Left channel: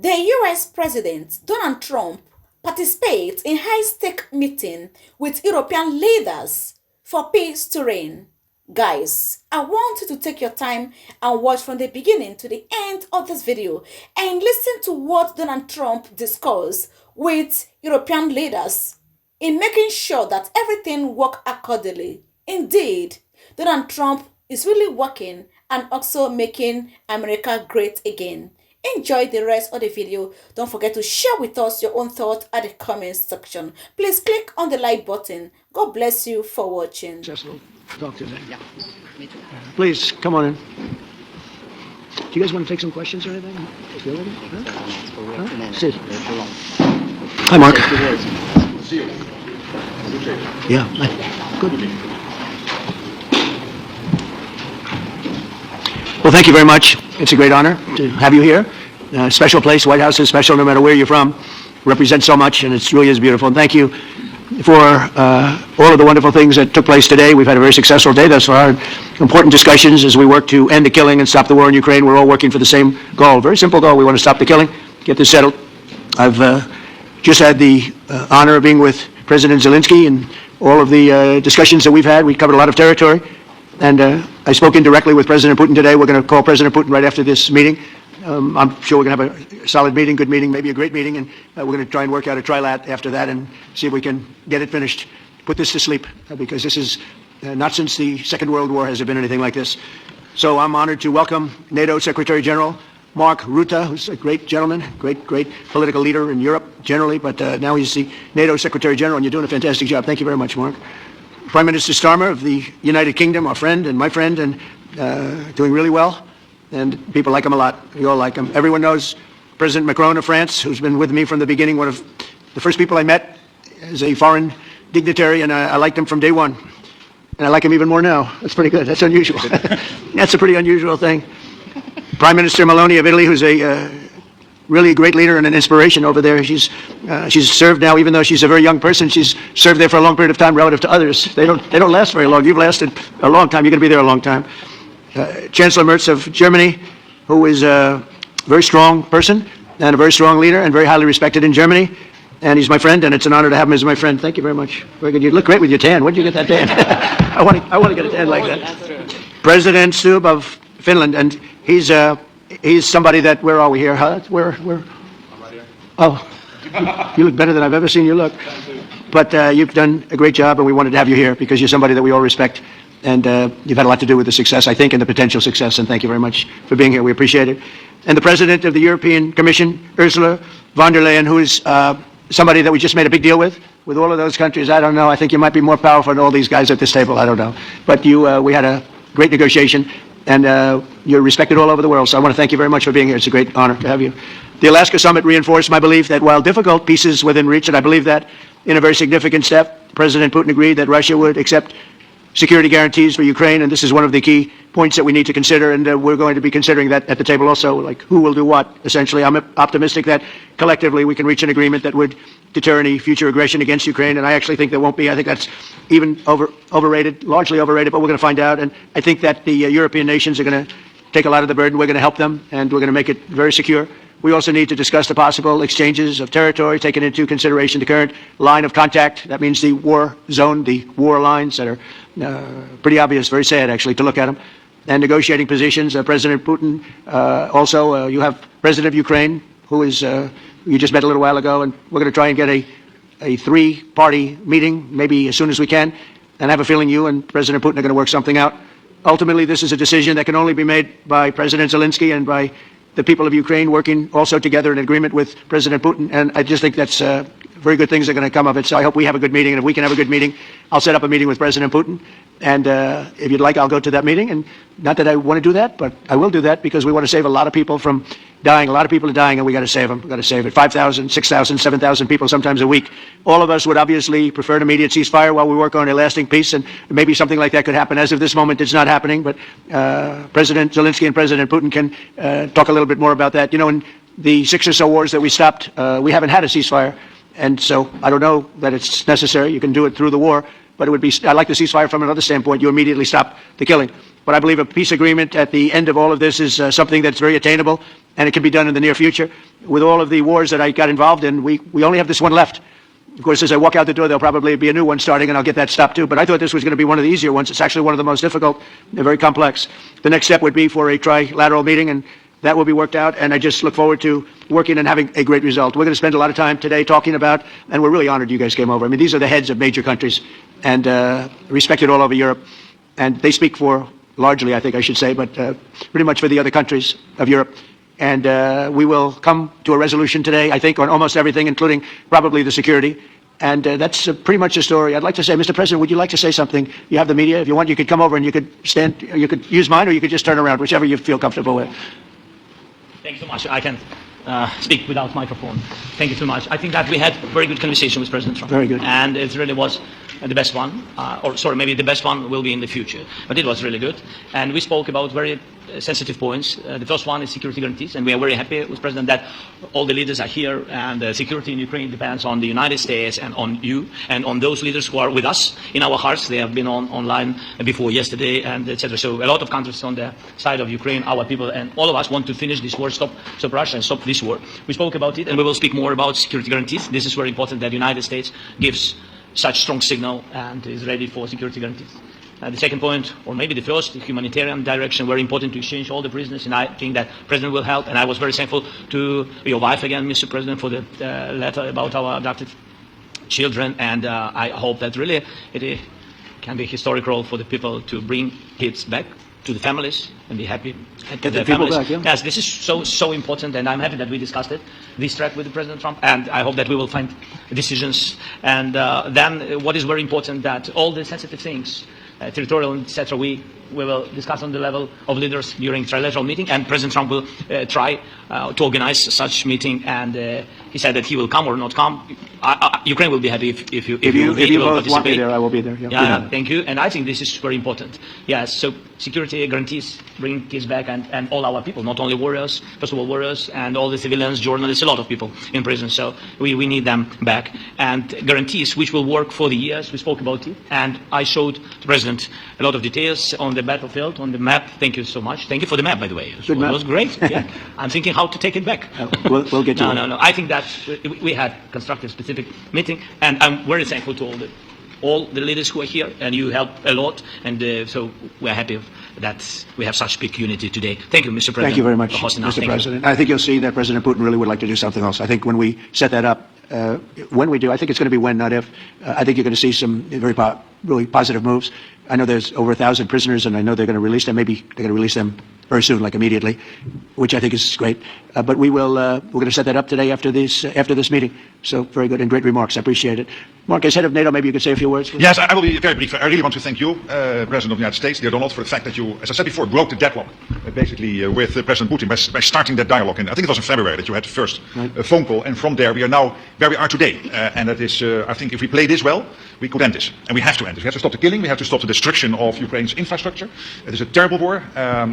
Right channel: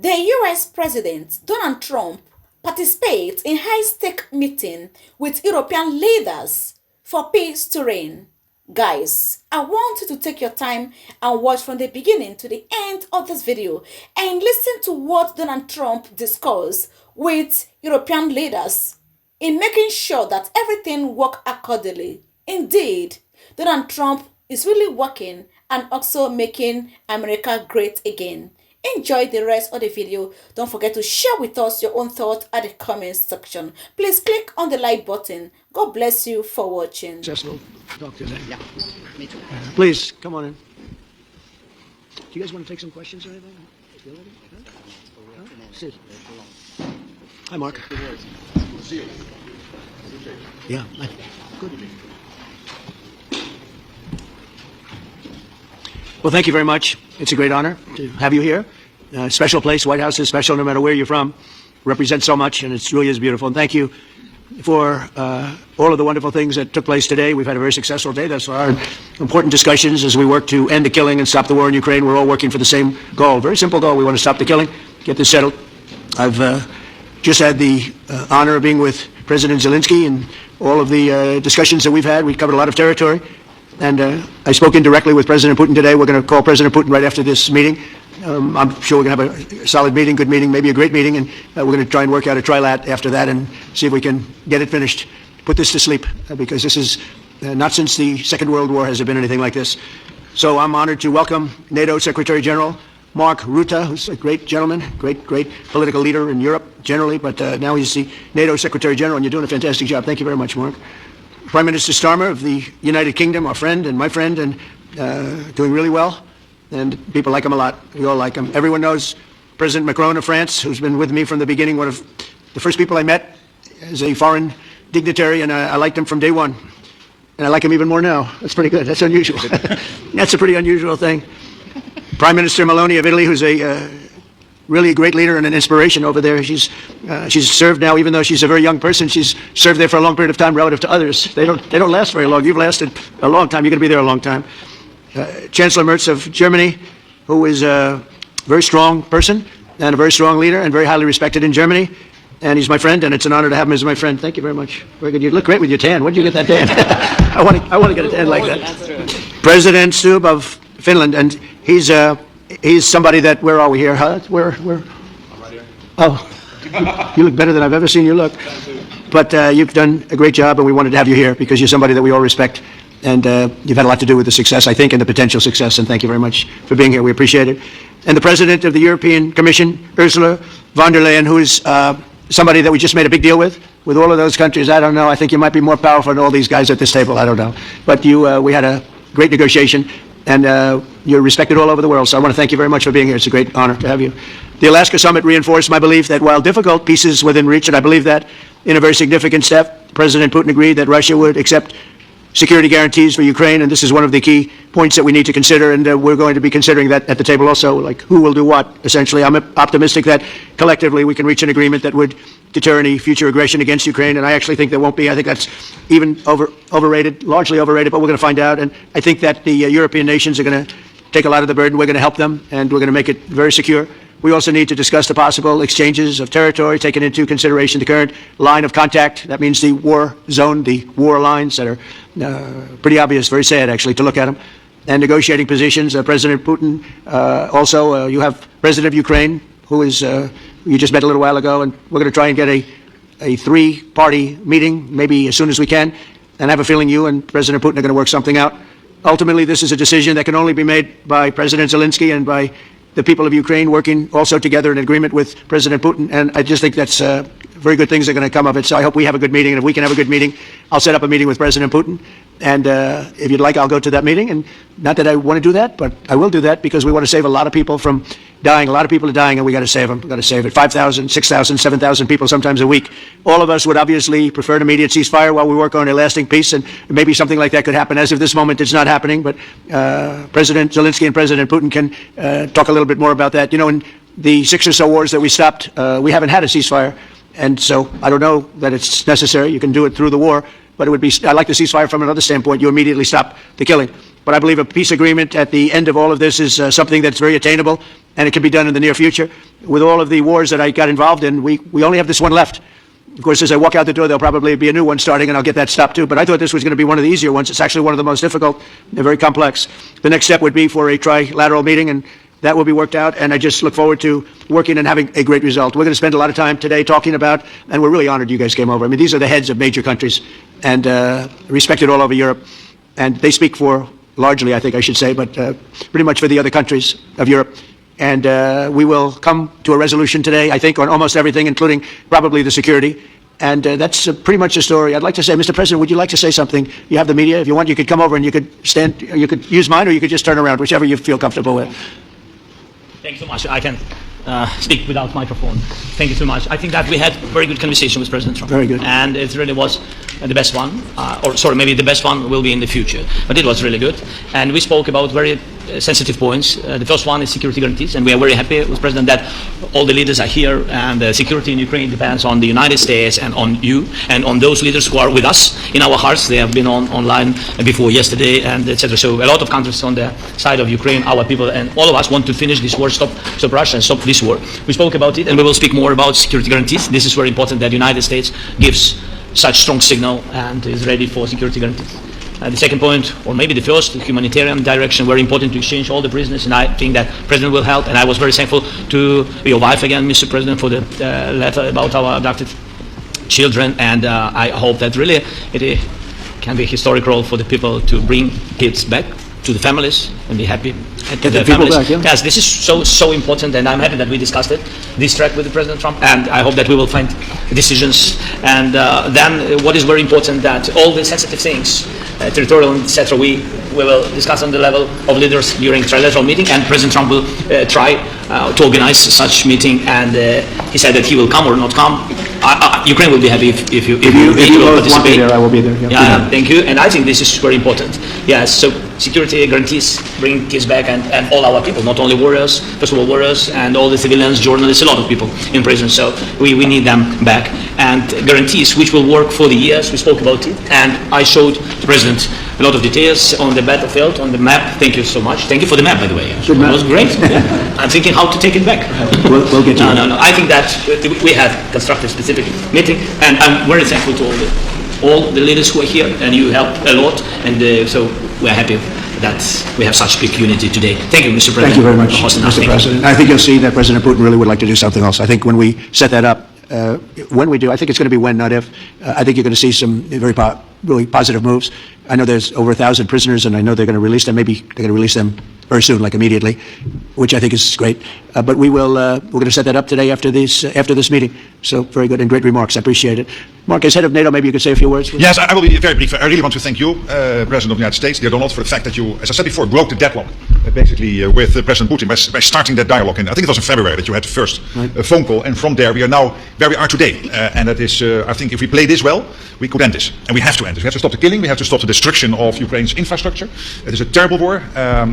The US President Donald Trump participates in high-stake meeting with European leaders for peace to reign. Guys, I want you to take your time and watch from the beginning to the end of this video and listen to what Donald Trump discussed with European leaders in making sure that everything works accordingly. Indeed, Donald Trump is really working and also making America great again. Enjoy the rest of the video. Don't forget to share with us your own thoughts at the comment section. Please click on the like button. God bless you for watching. Cecil, talk to them. Yeah, me too. Please, come on in. Do you guys want to take some questions or anything? Huh? Sit. Hi, Mark. Yeah, good. Well, thank you very much. It's a great honor to have you here. Special place. White House is special no matter where you're from. Represents so much, and it really is beautiful. And thank you for all of the wonderful things that took place today. We've had a very successful day thus far. Important discussions as we work to end the killing and stop the war in Ukraine. We're all working for the same goal. Very simple goal. We want to stop the killing, get this settled. I've just had the honor of being with President Zelenskyy and all of the discussions that we've had. We covered a lot of territory. And I spoke indirectly with President Putin today. We're going to call President Putin right after this meeting. I'm sure we're going to have a solid meeting, good meeting, maybe a great meeting, and we're going to try and work out a trilat after that and see if we can get it finished, put this to sleep, because this is not since the Second World War has there been anything like this. So I'm honored to welcome NATO Secretary General Mark Rutte, who's a great gentleman, great political leader in Europe generally, but now he's the NATO Secretary General, and you're doing a fantastic job. Thank you very much, Mark. Prime Minister Starmer of the United Kingdom, our friend and my friend, and doing really well. And people like him a lot. We all like him. Everyone knows President Macron of France, who's been with me from the beginning, one of the first people I met as a foreign dignitary, and I liked him from day one. And I like him even more now. That's pretty good. That's unusual. That's a pretty unusual thing. Prime Minister Meloni of Italy, who's a really a great leader and an inspiration over there. She's served now, even though she's a very young person, she's served there for a long period of time relative to others. They don't last very long. You've lasted a long time. You're going to be there a long time. Chancellor Merz of Germany, who is a very strong person and a very strong leader and very highly respected in Germany. And he's my friend, and it's an honor to have him as my friend. Thank you very much. Very good. You look great with your tan. Where did you get that tan? I want to get a tan like that. President Stubb of Finland, and he's somebody that, where are we here? Huh? Where? Oh, you look better than I've ever seen you look. But you've done a great job, and we wanted to have you here because you're somebody that we all respect. And you've had a lot to do with the success, I think, and the potential success. And thank you very much for being here. We appreciate it. And the President of the European Commission, Ursula von der Leyen, who is somebody that we just made a big deal with all of those countries. I don't know. I think you might be more powerful than all these guys at this table. I don't know. But we had a great negotiation. And you're respected all over the world. So I want to thank you very much for being here. It's a great honor to have you. The Alaska Summit reinforced my belief that while difficult, peace is within reach. And I believe that in a very significant step, President Putin agreed that Russia would accept security guarantees for Ukraine. And this is one of the key points that we need to consider. And we're going to be considering that at the table also, like who will do what, essentially. I'm optimistic that collectively we can reach an agreement that would deter any future aggression against Ukraine. And I actually think there won't be. I think that's even overrated, largely overrated, but we're going to find out. And I think that the European nations are going to take a lot of the burden. We're going to help them, and we're going to make it very secure. We also need to discuss the possible exchanges of territory, taking into consideration the current line of contact. That means the war zone, the war lines that are pretty obvious, very sad actually to look at them. And negotiating positions. President Putin, also you have President of Ukraine, who is you just met a little while ago, and we're going to try and get a three-party meeting, maybe as soon as we can. And I have a feeling you and President Putin are going to work something out. Ultimately, this is a decision that can only be made by President Zelenskyy and by the people of Ukraine working also together in agreement with President Putin. And I just think that's very good things are going to come of it. So I hope we have a good meeting. And if we can have a good meeting, I'll set up a meeting with President Putin. And if you'd like, I'll go to that meeting. And not that I want to do that, but I will do that because we want to save a lot of people from dying. A lot of people are dying, and we got to save them. We got to save it. 5,000, 6,000, 7,000 people sometimes a week. All of us would obviously prefer an immediate ceasefire while we work on a lasting peace, and maybe something like that could happen. As of this moment, it's not happening, but President Zelenskyy and President Putin can talk a little bit more about that. You know, in the 6 or so wars that we stopped, we haven't had a ceasefire, and so I don't know that it's necessary. You can do it through the war. but it would be, I like the ceasefire from another standpoint. You immediately stop the killing. But I believe a peace agreement at the end of all of this is something that's very attainable, and it can be done in the near future. With all of the wars that I got involved in, we only have this one left. Of course, as I walk out the door, there'll probably be a new one starting, and I'll get that stopped too. But I thought this was going to be one of the easier ones. It's actually one of the most difficult. They're very complex. The next step would be for a trilateral meeting, and that will be worked out. And I just look forward to working and having a great result. We're going to spend a lot of time today talking about, and we're really honored you guys came over. I mean, these are the heads of major countries, and respected all over Europe. And they speak for, largely, I think I should say, but pretty much for the other countries of Europe. And we will come to a resolution today, I think, on almost everything, including probably the security. And that's pretty much the story. I'd like to say, Mr. President, would you like to say something? You have the media. If you want, you could come over and you could stand, you could use mine, or you could just turn around, whichever you feel comfortable with. Thank you so much. I can speak without microphone. Thank you so much. I think that we had very good conversation with President Trump. Very good. And it really was the best one. Or sorry, maybe the best one will be in the future. But it was really good. And we spoke about very sensitive points. The first one is security guarantees. And we are very happy with President that all the leaders are here. And security in Ukraine depends on the United States and on you and on those leaders who are with us in our hearts. They have been online before yesterday and etc. So a lot of countries on the side of Ukraine, our people and all of us want to finish this war, stop Russia and stop this war. We spoke about it, and we will speak more about security guarantees. This is very important that the United States gives such strong signal and is ready for security guarantees. The second point, or maybe the first, the humanitarian direction, very important to exchange all the prisoners, and I think that President will help. And I was very thankful to your wife again, Mr. President, for the letter about our abducted children, and I hope that really it can be a historic role for the people to bring kids back to the families and be happy to the families. Back, yeah. Yes, this is so important, and I'm happy that we discussed it, this track with the President Trump, and I hope that we will find decisions. And then what is very important, that all the sensitive things, territorial, etc., we will discuss on the level of leaders during trilateral meeting, and President Trump will try to organize such meeting, and he said that he will come or not come. Ukraine will be happy if you will participate. There, I will be there. Yeah, thank you. And I think this is very important. Yes, so security guarantees, bring kids back, and all our people, not only warriors, first of all warriors, and all the civilians, journalists, a lot of people in prison. So we need them back. And guarantees which will work for the years, we spoke about it. And I showed the President a lot of details on the battlefield, on the map. Thank you so much. Thank you for the map, by the way. It was great. Yeah. I'm thinking how to take it back. We'll get to it. No. I think that we had constructive specific meeting, and I'm very thankful to all the leaders who are here, and you helped a lot, and so we're happy that we have such big unity today. Thank you, Mr. President. Thank you very much, Mr. President. I think you'll see that President Putin really would like to do something else. I think when we set that up, when we do, I think it's going to be when, not if. I think you're going to see some really positive moves. I know there's over 1,000 prisoners, and I know they're going to release them. Maybe they're going to release them very soon, like immediately, which I think is great. But we're going to set that up today after this meeting. So very good and great remarks. I appreciate it. Mark, as head of NATO, maybe you could say a few words. Yes, I will be very brief. I really want to thank you, President of the United States, dear Donald, for the fact that you, as I said before, broke the deadlock basically with President Putin by starting that dialogue. And I think it was in February that you had the first phone call, and from there we are now where we are today. And that is, I think, if we play this well, we could end this, and we have to end this. We have to stop the killing. We have to stop the destruction of Ukraine's infrastructure. It is a terrible war.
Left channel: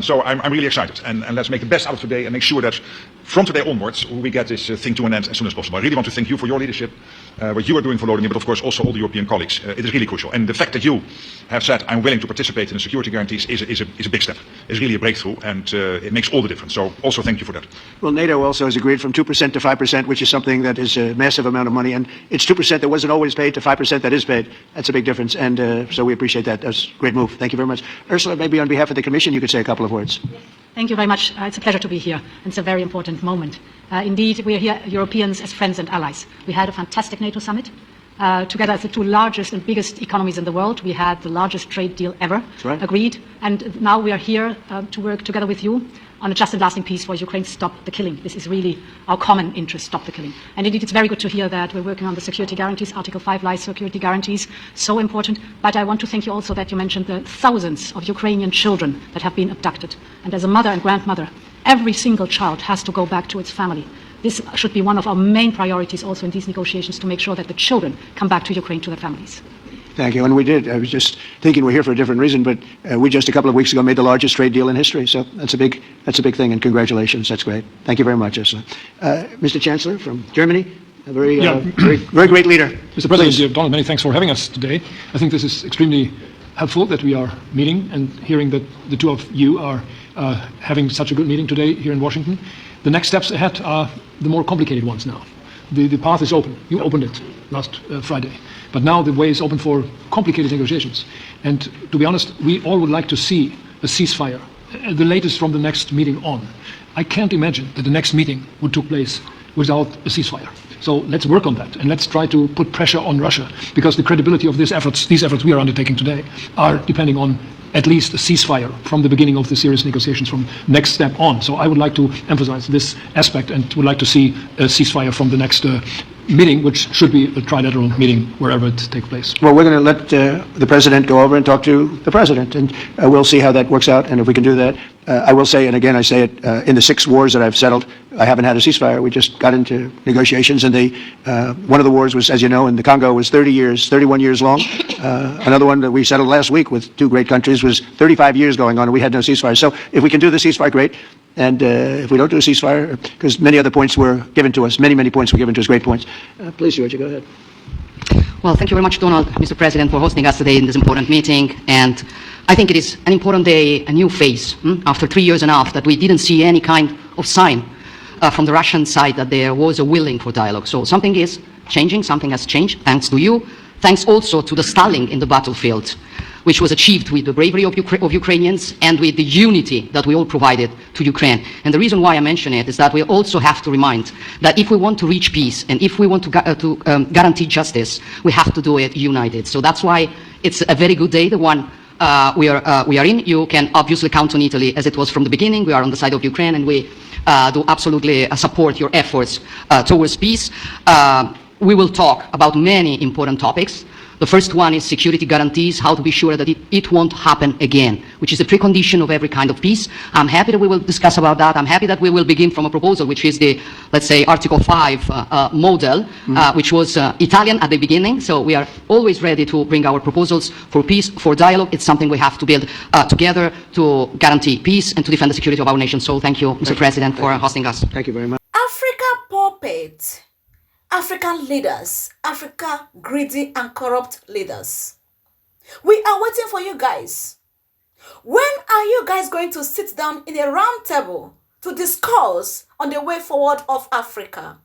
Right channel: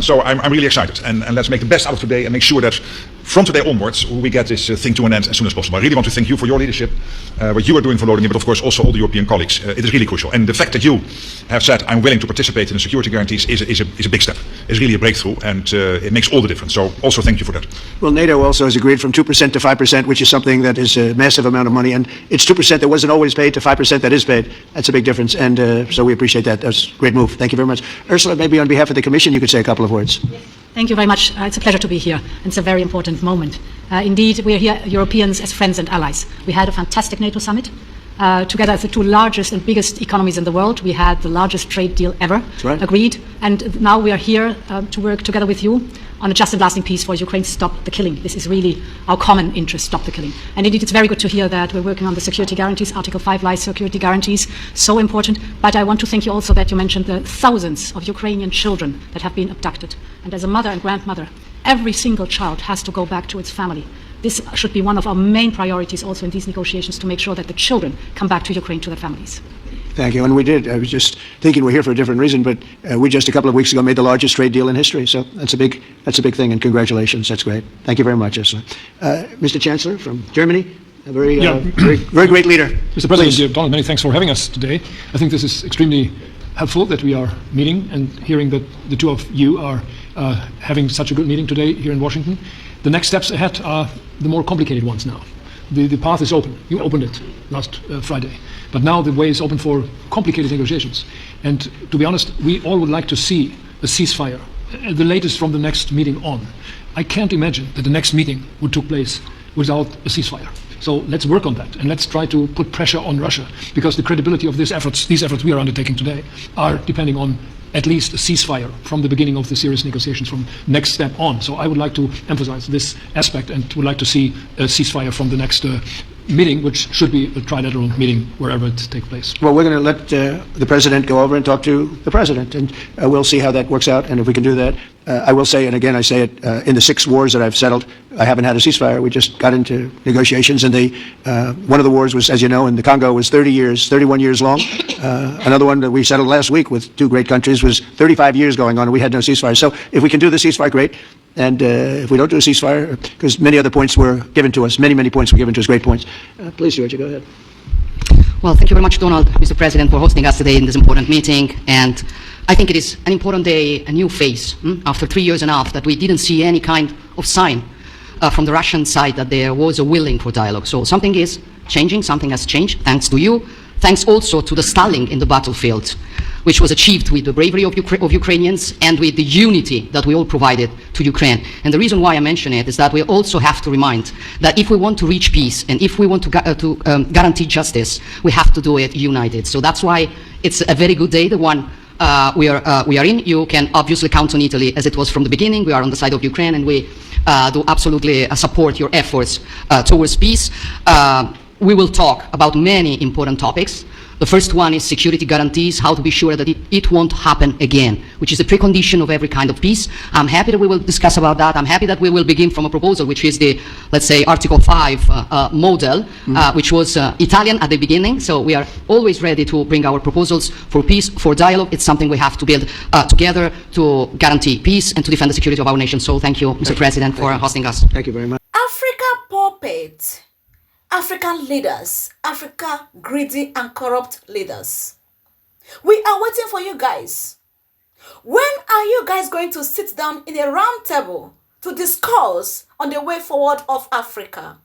So I'm really excited, and let's make the best out of today and make sure that from today onwards we get this thing to an end as soon as possible. I really want to thank you for your leadership, what you are doing for Vladimir, but of course also all the European colleagues. It is really crucial, and the fact that you have said I'm willing to participate in the security guarantees is a big step. It's really a breakthrough, and it makes all the difference. So also thank you for that. Well, NATO also has agreed from 2% to 5%, which is something that is a massive amount of money, and it's 2% that wasn't always paid to 5% that is paid. That's a big difference, and so we appreciate that. That's a great move. Thank you very much. Ursula, maybe on behalf of the Commission, you could say a couple of words. Thank you very much. It's a pleasure to be here. It's a very important moment. Indeed, we are here, Europeans, as friends and allies. We had a fantastic NATO summit. Together as the two largest and biggest economies in the world, we had the largest trade deal ever agreed. And now we are here to work together with you on a just and lasting peace for Ukraine. Stop the killing. This is really our common interest, stop the killing. And indeed, it's very good to hear that we're working on the security guarantees, Article 5 lies security guarantees, so important. But I want to thank you also that you mentioned the thousands of Ukrainian children that have been abducted. And as a mother and grandmother, every single child has to go back to its family. This should be one of our main priorities also in these negotiations, to make sure that the children come back to Ukraine to their families. Thank you. And we did. I was just thinking we're here for a different reason, but we just a couple of weeks ago made the largest trade deal in history. So that's a big thing, and congratulations. That's great. Thank you very much, Ursula. Mr. Chancellor from Germany, A very, Yeah. very great leader. Mr. President, Please. dear Donald, many thanks for having us today. I think this is extremely helpful that we are meeting and hearing that the two of you are having such a good meeting today here in Washington. The next steps ahead are the more complicated ones now. The path is open. You opened it last Friday. But now the way is open for complicated negotiations. And to be honest, we all would like to see a ceasefire, the latest from the next meeting on. I can't imagine that the next meeting would take place without a ceasefire. So let's work on that and let's try to put pressure on Russia, because the credibility of these efforts we are undertaking today are depending on at least a ceasefire from the beginning of the serious negotiations from next step on. So I would like to emphasize this aspect and would like to see a ceasefire from the next meeting, which should be a trilateral meeting wherever it takes place. Well, we're going to let the president go over and talk to the president, and we'll see how that works out. And if we can do that, I will say, and again, I say it, in the 6 wars that I've settled, I haven't had a ceasefire. We just got into negotiations, and one of the wars was, as you know, in the Congo was 31 years long. Another one that we settled last week with 2 great countries was 35 years going on, and we had no ceasefire. So if we can do the ceasefire, great. And if we don't do a ceasefire, because many other points were given to us, many points were given to us, great points. Please, Georgia, go ahead. Well, thank you very much, Donald, Mr. President, for hosting us today in this important meeting. And I think it is an important day, a new phase, after 3 years and a half that we didn't see any kind of sign from the Russian side that there was a willing for dialogue. So something is changing, something has changed, thanks to you. Thanks also to the stalling in the battlefield, which was achieved with the bravery of Ukrainians and with the unity that we all provided to Ukraine. And the reason why I mention it is that we also have to remind that if we want to reach peace and if we want to guarantee justice, we have to do it united. So that's why it's a very good day, the one we are in. You can obviously count on Italy as it was from the beginning. We are on the side of Ukraine, and we do absolutely support your efforts towards peace. We will talk about many important topics. The first one is security guarantees, how to be sure that it won't happen again, which is a precondition of every kind of peace. I'm happy that we will discuss about that. I'm happy that we will begin from a proposal, which is the, let's say, Article 5 model, which was Italian at the beginning. So we are always ready to bring our proposals for peace, for dialogue. It's something we have to build together to guarantee peace and to defend the security of our nation. So thank you, Mr. President, for hosting us. Thank you very much. Africa puppet. African leaders, Africa greedy and corrupt leaders. We are waiting for you guys. When are you guys going to sit down in a round table to discuss on the way forward of Africa?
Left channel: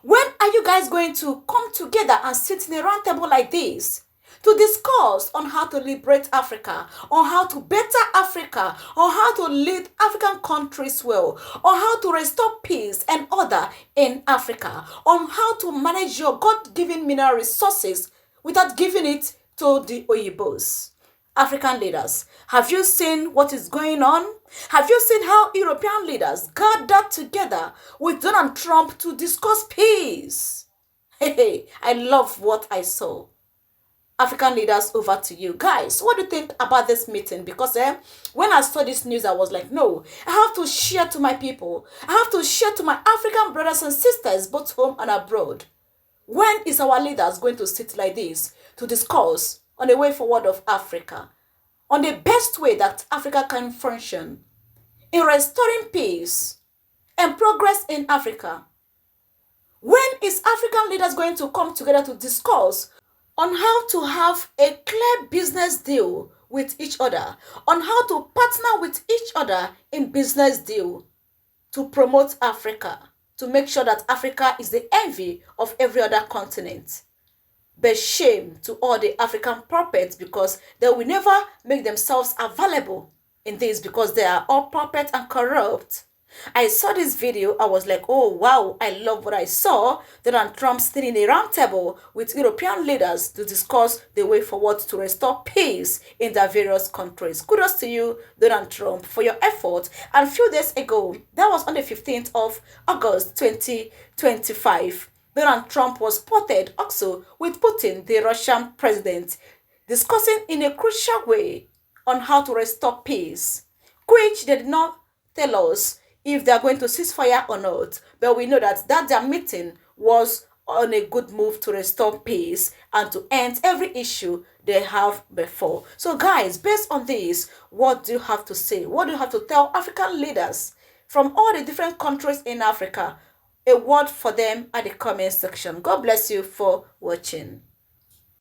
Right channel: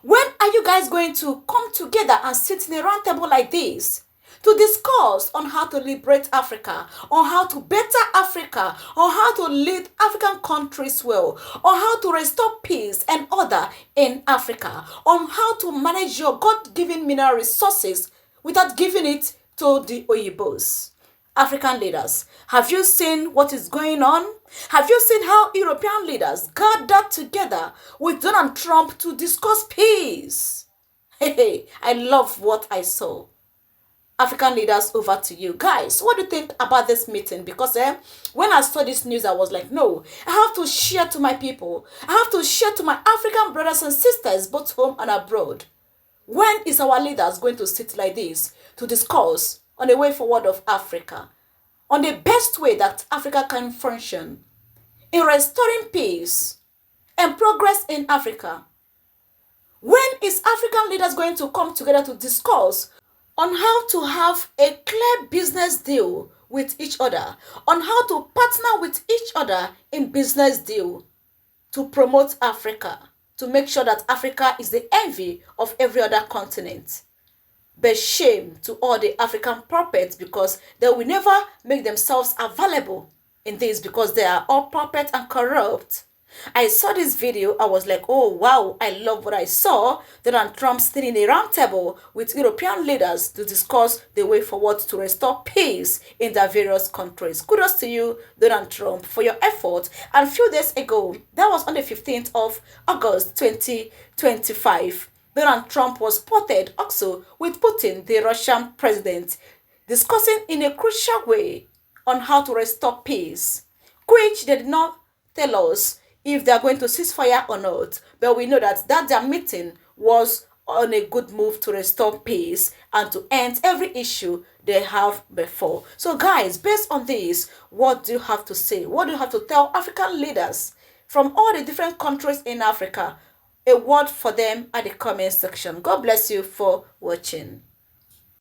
When are you guys going to come together and sit in a round table like this to discuss on how to liberate Africa, on how to better Africa, on how to lead African countries well, on how to restore peace and order in Africa, on how to manage your God-given mineral resources without giving it to the Oyibos? African leaders, have you seen what is going on? Have you seen how European leaders gathered together with Donald Trump to discuss peace? Hey, I love what I saw. African leaders, over to you. Guys, what do you think about this meeting? Because when I saw this news, I was like, no, I have to share to my people. I have to share to my African brothers and sisters, both home and abroad. When is our leaders going to sit like this to discuss on the way forward of Africa, on the best way that Africa can function in restoring peace and progress in Africa? When is African leaders going to come together to discuss on how to have a clear business deal with each other, on how to partner with each other in business deal to promote Africa, to make sure that Africa is the envy of every other continent? But shame to all the African puppets, because they will never make themselves available in this, because they are all puppets and corrupt. I saw this video, I was like, oh wow, I love what I saw. Donald Trump sitting in a round table with European leaders to discuss the way forward to restore peace in their various countries. Kudos to you, Donald Trump, for your effort. And a few days ago, that was on the 15th of August 2025, Donald Trump was spotted also with Putin, the Russian president, discussing in a crucial way on how to restore peace, which they did not tell us if they are going to cease fire or not. But we know that their meeting was on a good move to restore peace and to end every issue they have before. So guys, based on this, what do you have to say? What do you have to tell African leaders from all the different countries in Africa a word for them at the comment section. God bless you for watching.